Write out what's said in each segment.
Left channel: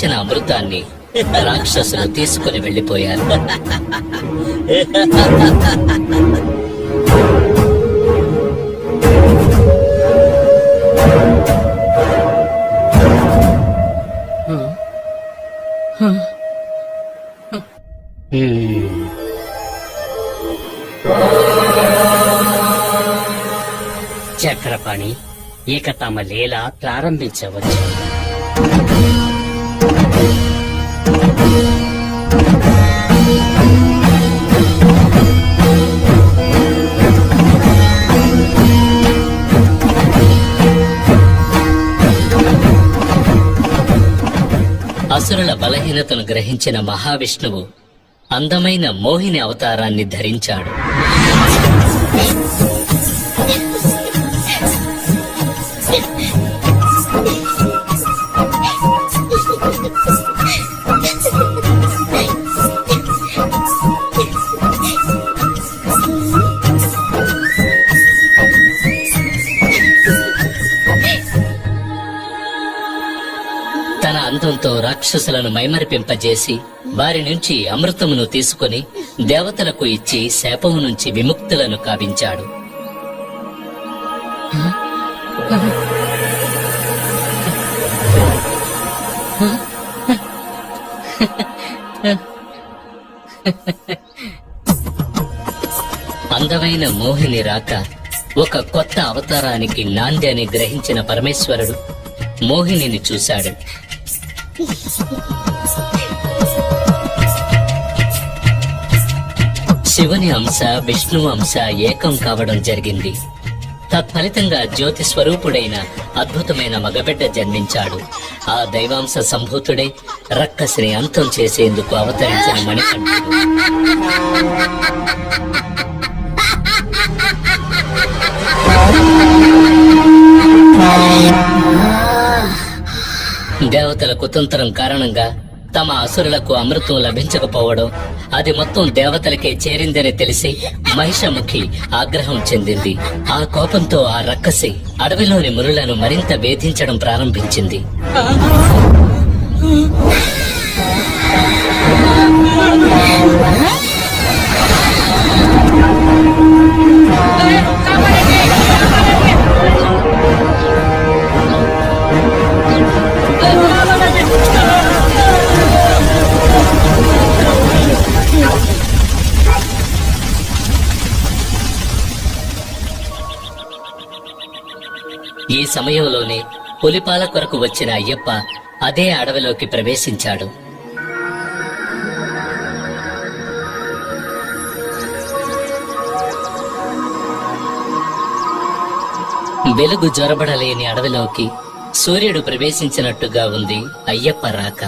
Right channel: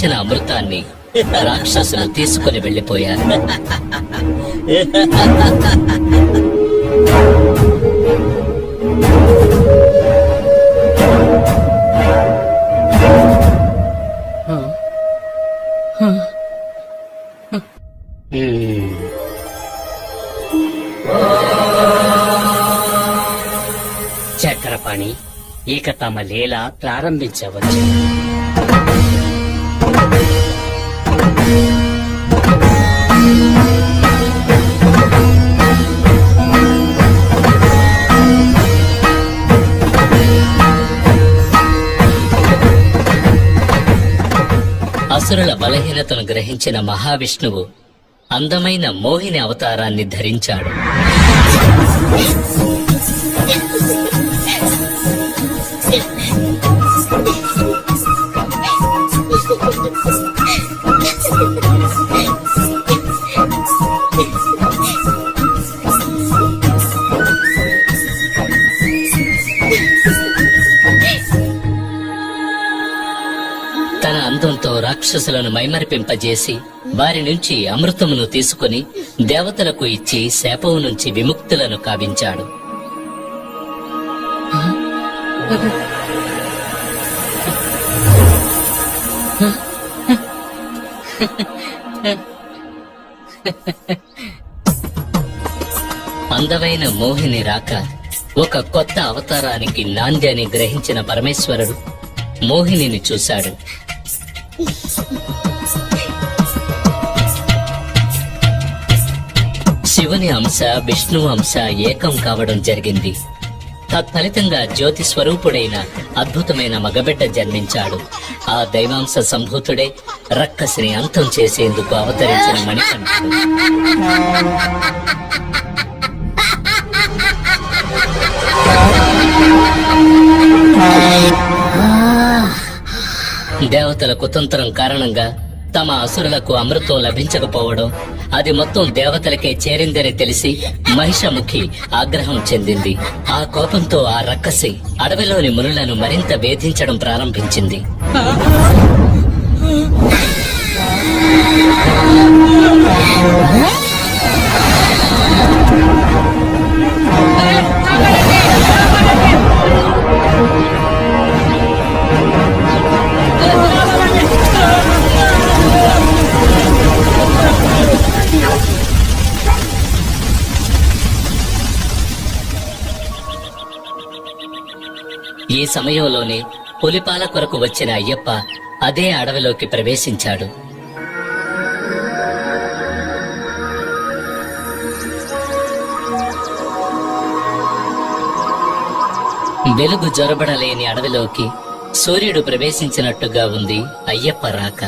గ్రహించిన అమృతాన్ని రాక్షసులు తీసుకుని వెళ్లిపోయారు. చక్రపాణి, ఇక తమ లీల ప్రారంభించవచ్చు. అసురుల బలహీనతను గ్రహించిన మహావిష్ణువు అందమైన మోహిని అవతారాన్ని ధరించాడు. తన అందంతో రాక్షసులను మైమరిపింపజేసి వారి నుంచి అమృతమును తీసుకుని దేవతలకు ఇచ్చి శాపం నుంచి విముక్తులను కావించాడు. అందమైన మోహిని రాక ఒక కొత్త అవతారానికి నాంది అని గ్రహించిన పరమేశ్వరుడు మోహినిని చూశాడు. శివుని అంశ విష్ణువు అంశ ఏకం కావడం జరిగింది. తత్ఫలితంగా జ్యోతి స్వరూపుడైన అద్భుతమైన మగబిడ్డ జన్మించాడు. ఆ దైవాంశ సంభూతుడే రక్కసిని అంతం చేసేందుకు అవతరించిన మణికంఠుడు. దేవతల కుతంత్రం కారణంగా తమ అసురులకు అమృతం లభించకపోవడం, అది మొత్తం దేవతలకే చేరిందని తెలిసి మహిషముఖి ఆగ్రహం చెందింది. ఆ కోపంతో ఆ రక్కసి అడవిలోని మునులను మరింత వేధించడం ప్రారంభించింది. ఈ సమయంలోనే పులిపాల కొరకు వచ్చిన అయ్యప్ప అదే అడవిలోకి ప్రవేశించాడు. వెలుగు జొరబడలేని అడవిలోకి సూర్యుడు ప్రవేశించినట్టుగా ఉంది అయ్యప్ప రాక.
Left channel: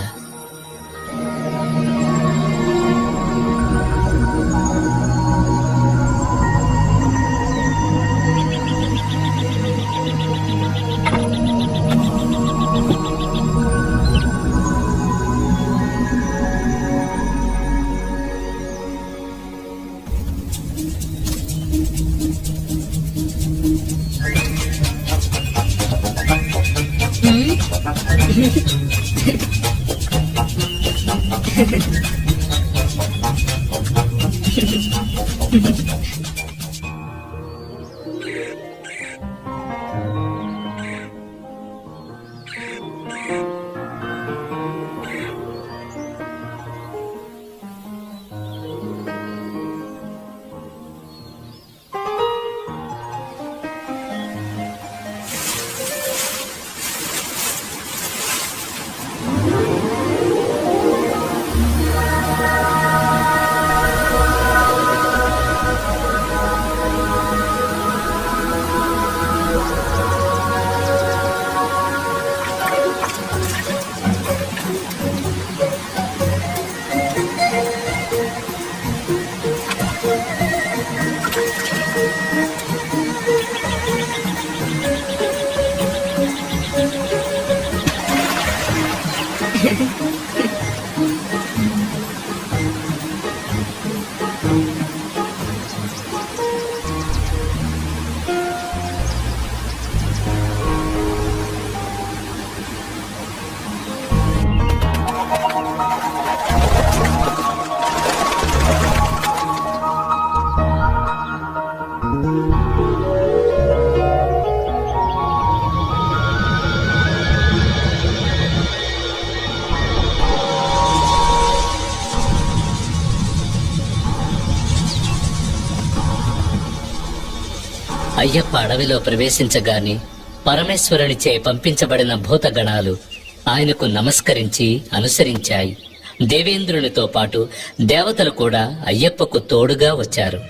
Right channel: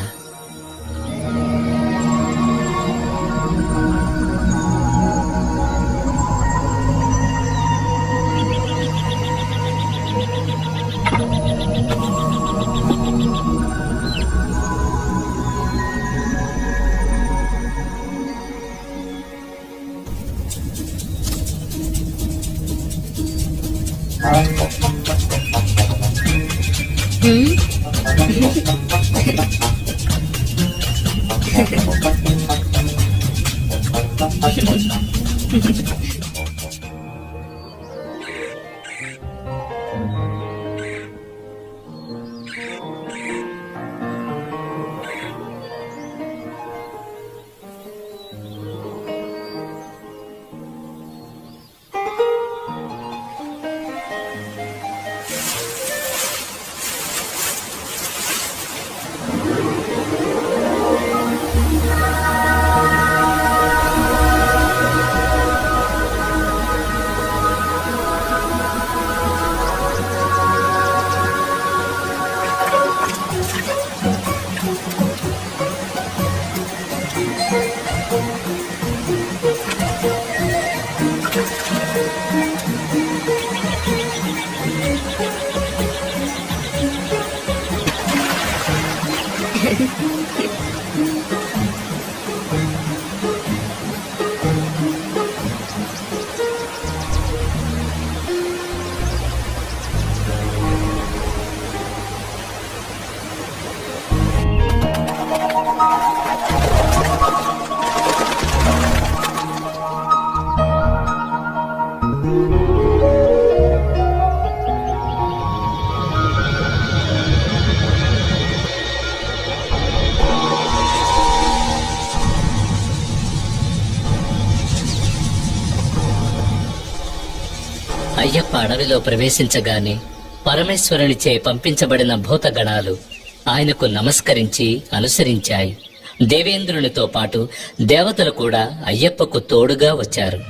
అయ్యప్ప అడవిలో ప్రవేశించగానే పరమేశ్వరునిచే పంపించబడిన భూతగణాలు ఆయనకు నమస్కరించి అనుసరించాయి. దేవేంద్రునితో పాటు దేవతలు కూడా అయ్యప్పకు తోడుగా వచ్చారు.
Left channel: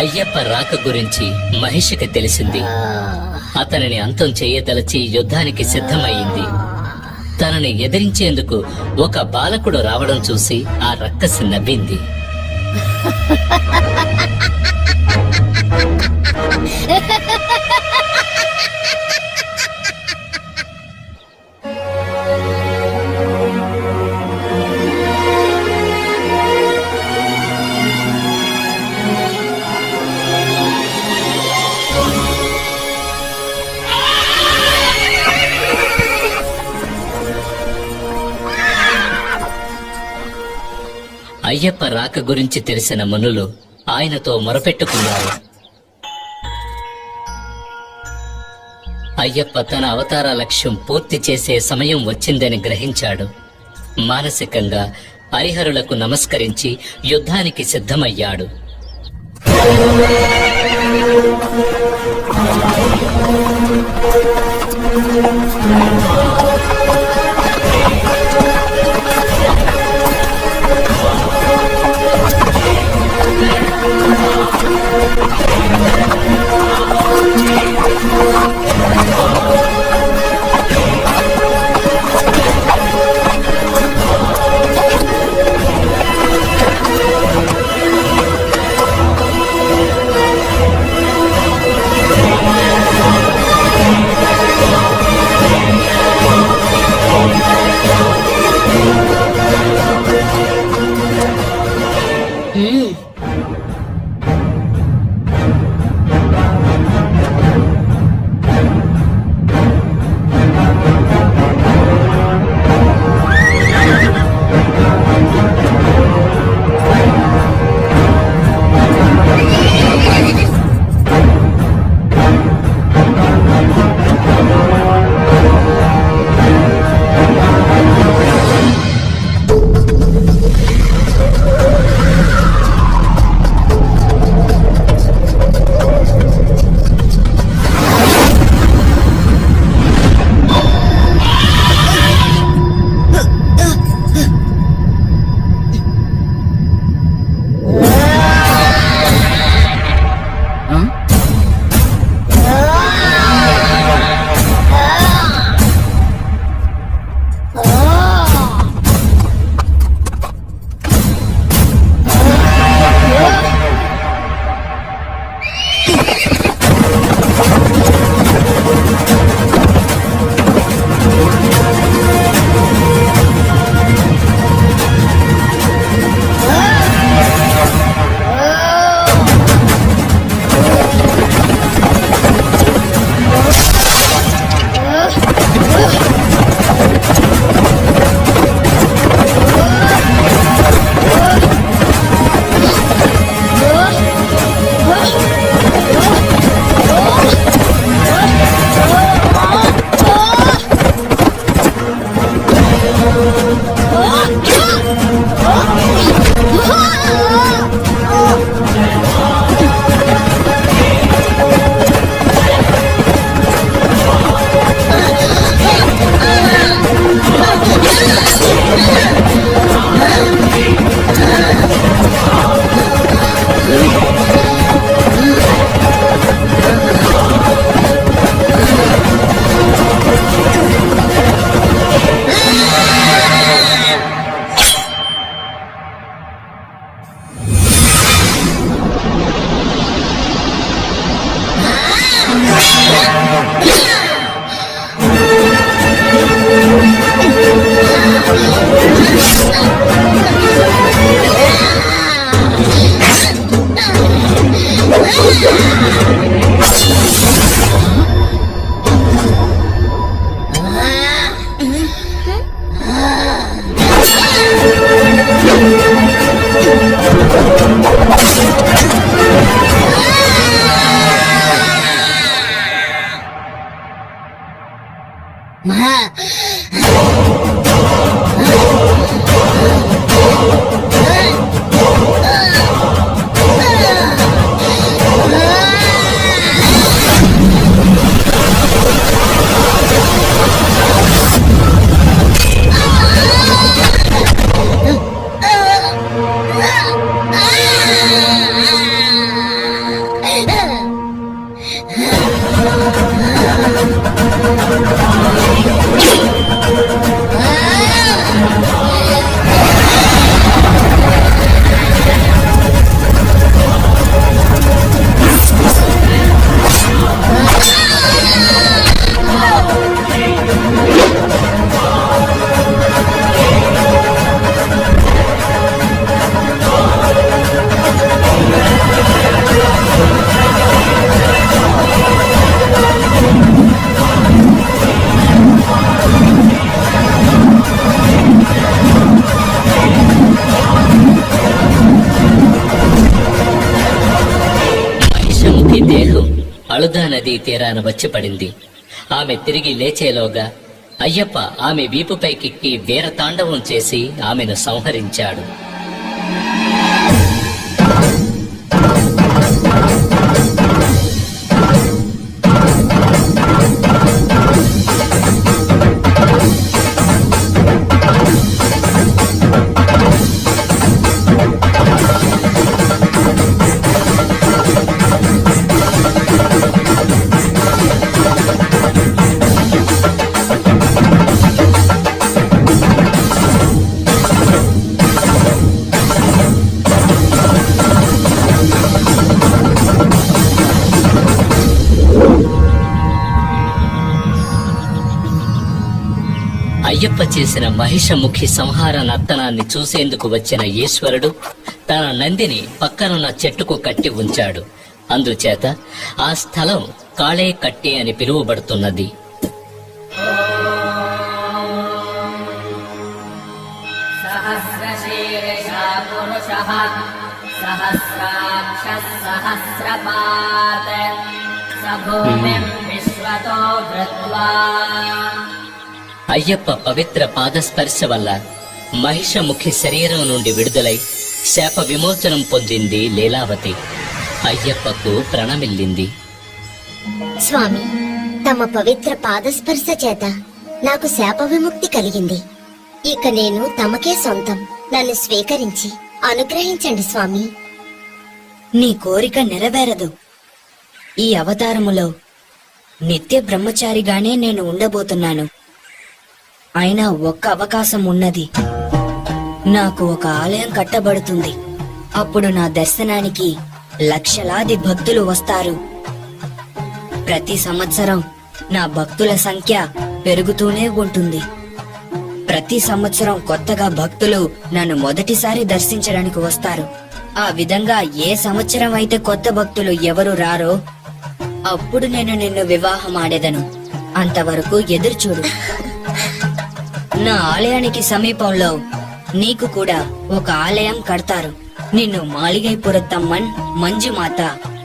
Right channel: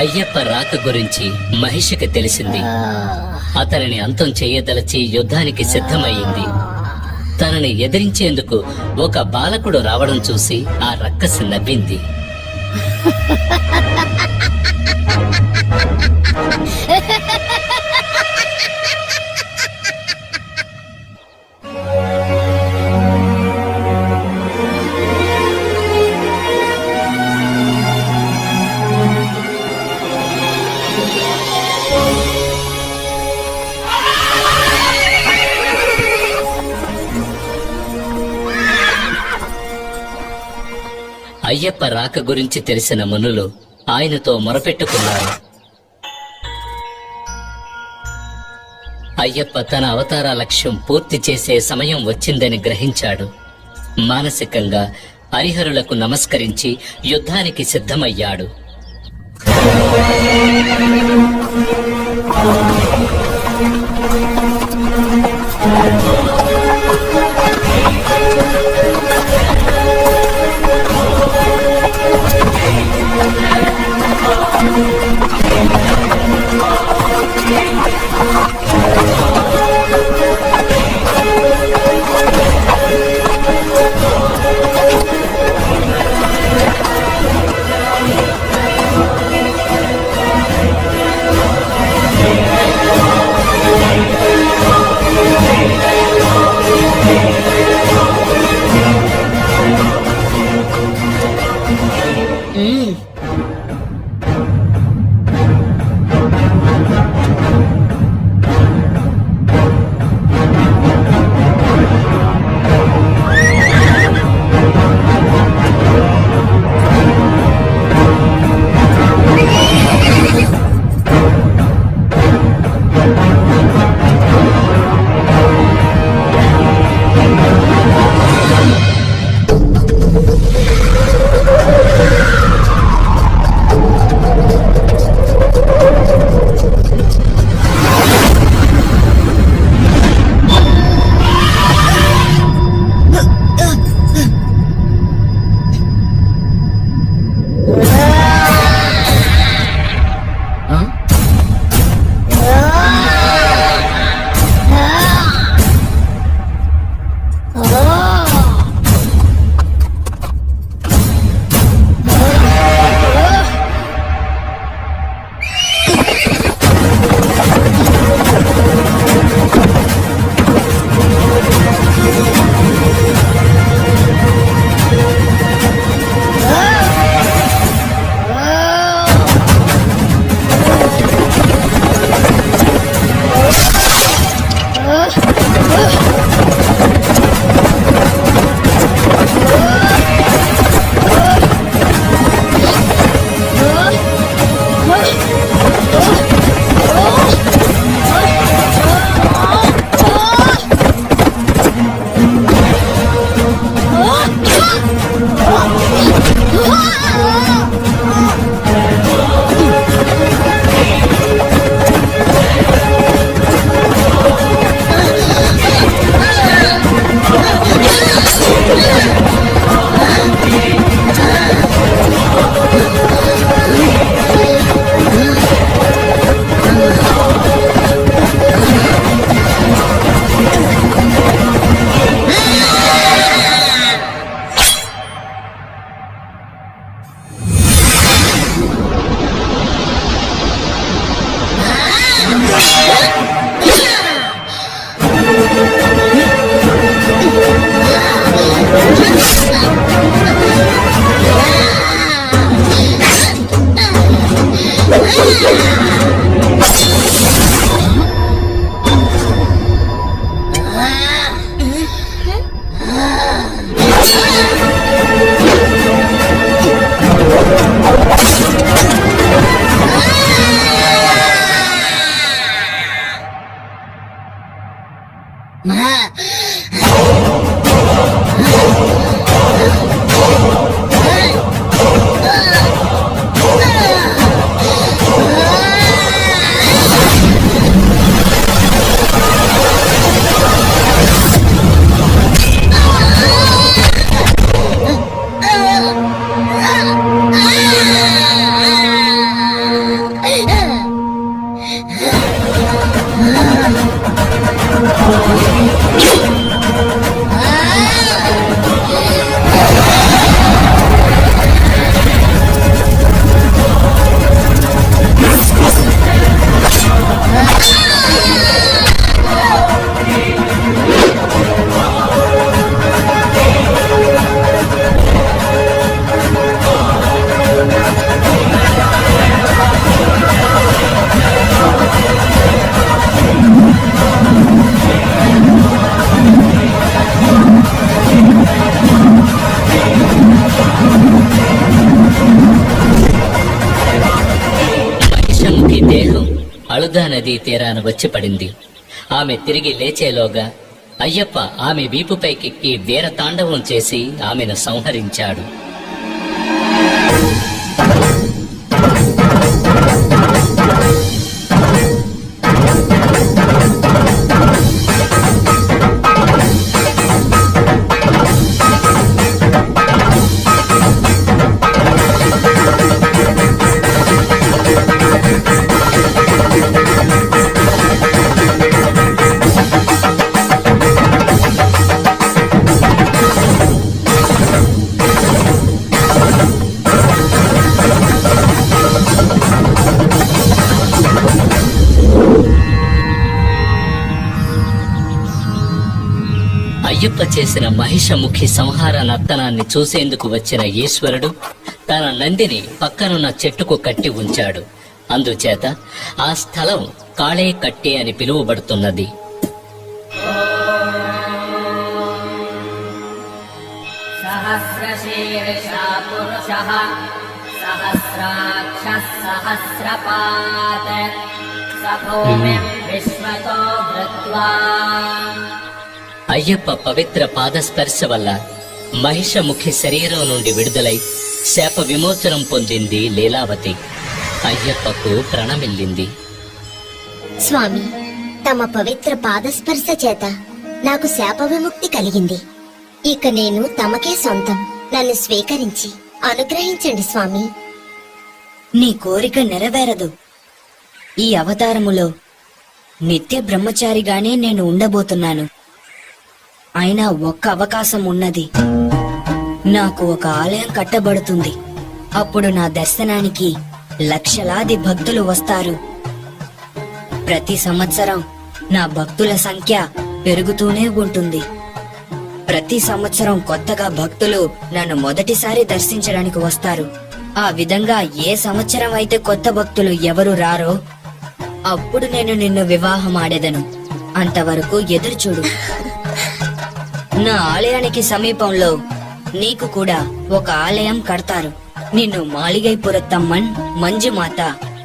అయ్యప్ప రాక గురించి మహిషికి తెలిసింది. అతనిని అంతం చేయదలచి యుద్ధానికి సిద్ధమయ్యింది. తనని ఎదిరించేందుకు ఒక బాలకుడు రావడం చూసి ఆ రక్కసి నవ్వింది. అయ్యప్ప రాక గురించి తెలిసిన మునులు ఆయనతో మొరపెట్టుకున్నారు. అయ్యప్ప తన అవతార లక్ష్యం పూర్తి చేసే సమయం వచ్చిందని గ్రహించాడు. మానసికంగా హరిహరులకు నమస్కరించి యుద్ధానికి సిద్ధమయ్యాడు. తీరాన వచ్చి పడింది. ఆమె తిరిగి లేచేలోగా అయ్యప్ప ఆమె వీపుపైకెక్కి వీర తాండవం చేసి ఆమెను సంహరించాడు. అయ్యప్ప చేసిన మహిషముఖి సంహార నర్తనాన్ని చూసేందుకు వచ్చిన ఈశ్వరుడు తన నందిని పక్కనున్న చెట్టుకు కట్టి ఉంచాడు. అందుచేత ఆ స్థలం కాళే కట్టే అని పిలువబడుతున్నది. సహస్రశీర్షా పురుషః సహస్రాక్షః సహస్రపాత్ స భూమిం విశ్వతో వృత్వా. అయ్యప్ప పవిత్ర పాదస్పర్శ వల్ల మహిషముఖి శరీరం నుండి విడుదలై శాప విమోచనం పొందింది లీలావతి. అయ్యప్పకు ప్రణమిల్లింది. స్వామి, తమ పవిత్ర పాదస్పర్శ చేత నాకు శాప విముక్తి కలిగింది. ఇక నేను తమకే సొంతం. నన్ను స్వీకరించి అనుగ్రహించండి స్వామి. నీ కోరిక నెరవేరదు. ఈ అవతారములో నిత్య బ్రహ్మచారిగానే నేను ఉండబోతున్నాను. అయినా ఒక్క అవకాశం ఉన్నది. నాకు ఒక ఆలయం కట్టబడుతుంది. అప్పుడు నా దర్శనానికి లక్షలాది భక్తులు వస్తారు. ప్రతి సంవత్సరం నా భక్తుల సంఖ్య పెరుగుతూనే ఉంటుంది. ప్రతి సంవత్సరం కొత్తగా భక్తులు నన్ను మొదటిసారి దర్శించడానికి వస్తారు. ఆ విధంగా ఏ సంవత్సరం అయితే కొత్త భక్తులు ఎవరు రారో అప్పుడు నేను నిన్ను వివాహం ఆడేదను. అంతవరకు ఎదురుచూడు. నా ఆలయానికి సమీపంలో నీకు కూడా ఒక ఆలయం కడతారు. నిన్ను మాళిగైపురత్తమ్మన్ మంజుమాత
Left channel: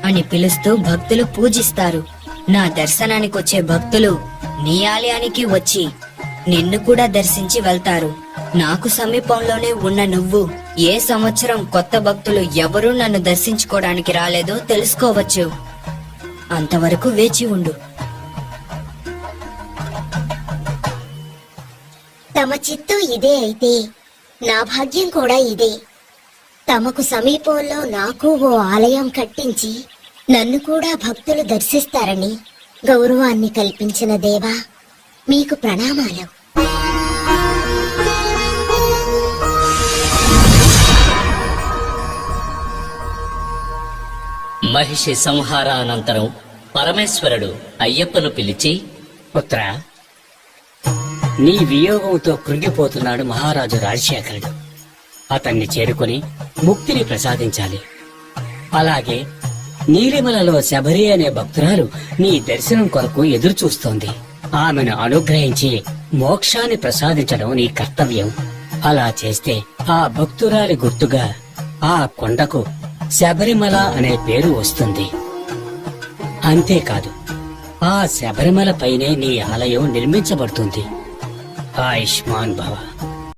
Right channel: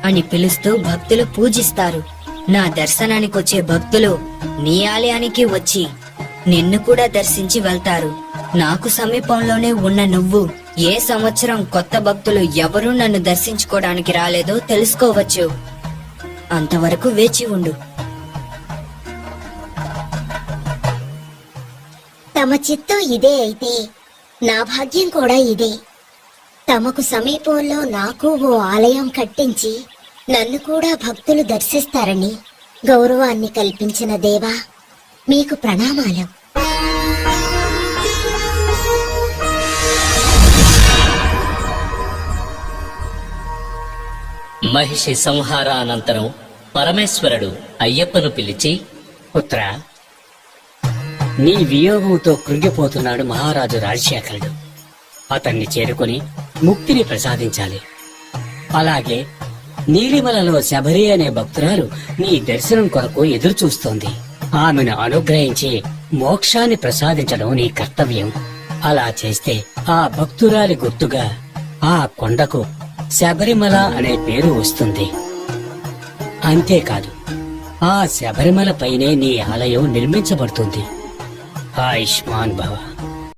అని పిలుస్తూ భక్తులు పూజిస్తారు. నా దర్శనానికి వచ్చే భక్తులు నీ ఆలయానికి వచ్చి నిన్ను కూడా దర్శించి వెళ్తారు. నాకు సమీపంలోనే ఉన్న నువ్వు ఏ సంవత్సరం కొత్త భక్తులు ఎవరూ నన్ను దర్శించుకోవడానికి రాలేదో తెలుసుకోవచ్చు. అంతవరకు వేచి ఉండు. తమ చిత్తం ఇదే అయితే నా భాగ్యం కూడా ఇదే. తమకు సమీపంలో నాకు ఓ ఆలయం కట్టించి నన్ను కూడా భక్తులు దర్శిస్తారని గౌరవాన్ని కల్పించిన దేవా, మీకు ప్రణామాలు. మహిషి సంహారానంతరం పరమేశ్వరుడు అయ్యప్పను పిలిచి, పుత్ర, నీ వియోగంతో కృంగిపోతున్నాడు మహారాజు రాజశేఖరుడు. అతన్ని చేరుకుని ముక్తిని ప్రసాదించాలి. అలాగే నీలిమలలో శబరి అనే భక్తురాలు నీ దర్శనం కొరకు ఎదురు చూస్తోంది. ఆమెను అనుగ్రహించి మోక్షాన్ని ప్రసాదించడం నీ కర్తవ్యం. అలా చేస్తే ఆ భక్తురాలి గుర్తుగా ఆ కొండకు శబరిమల అనే పేరు వస్తుంది. అంతేకాదు, ఆ శబరిమల పైనే నీ ఆలయం నిర్మించబడుతుంది. ఆయుష్మాన్ భవ.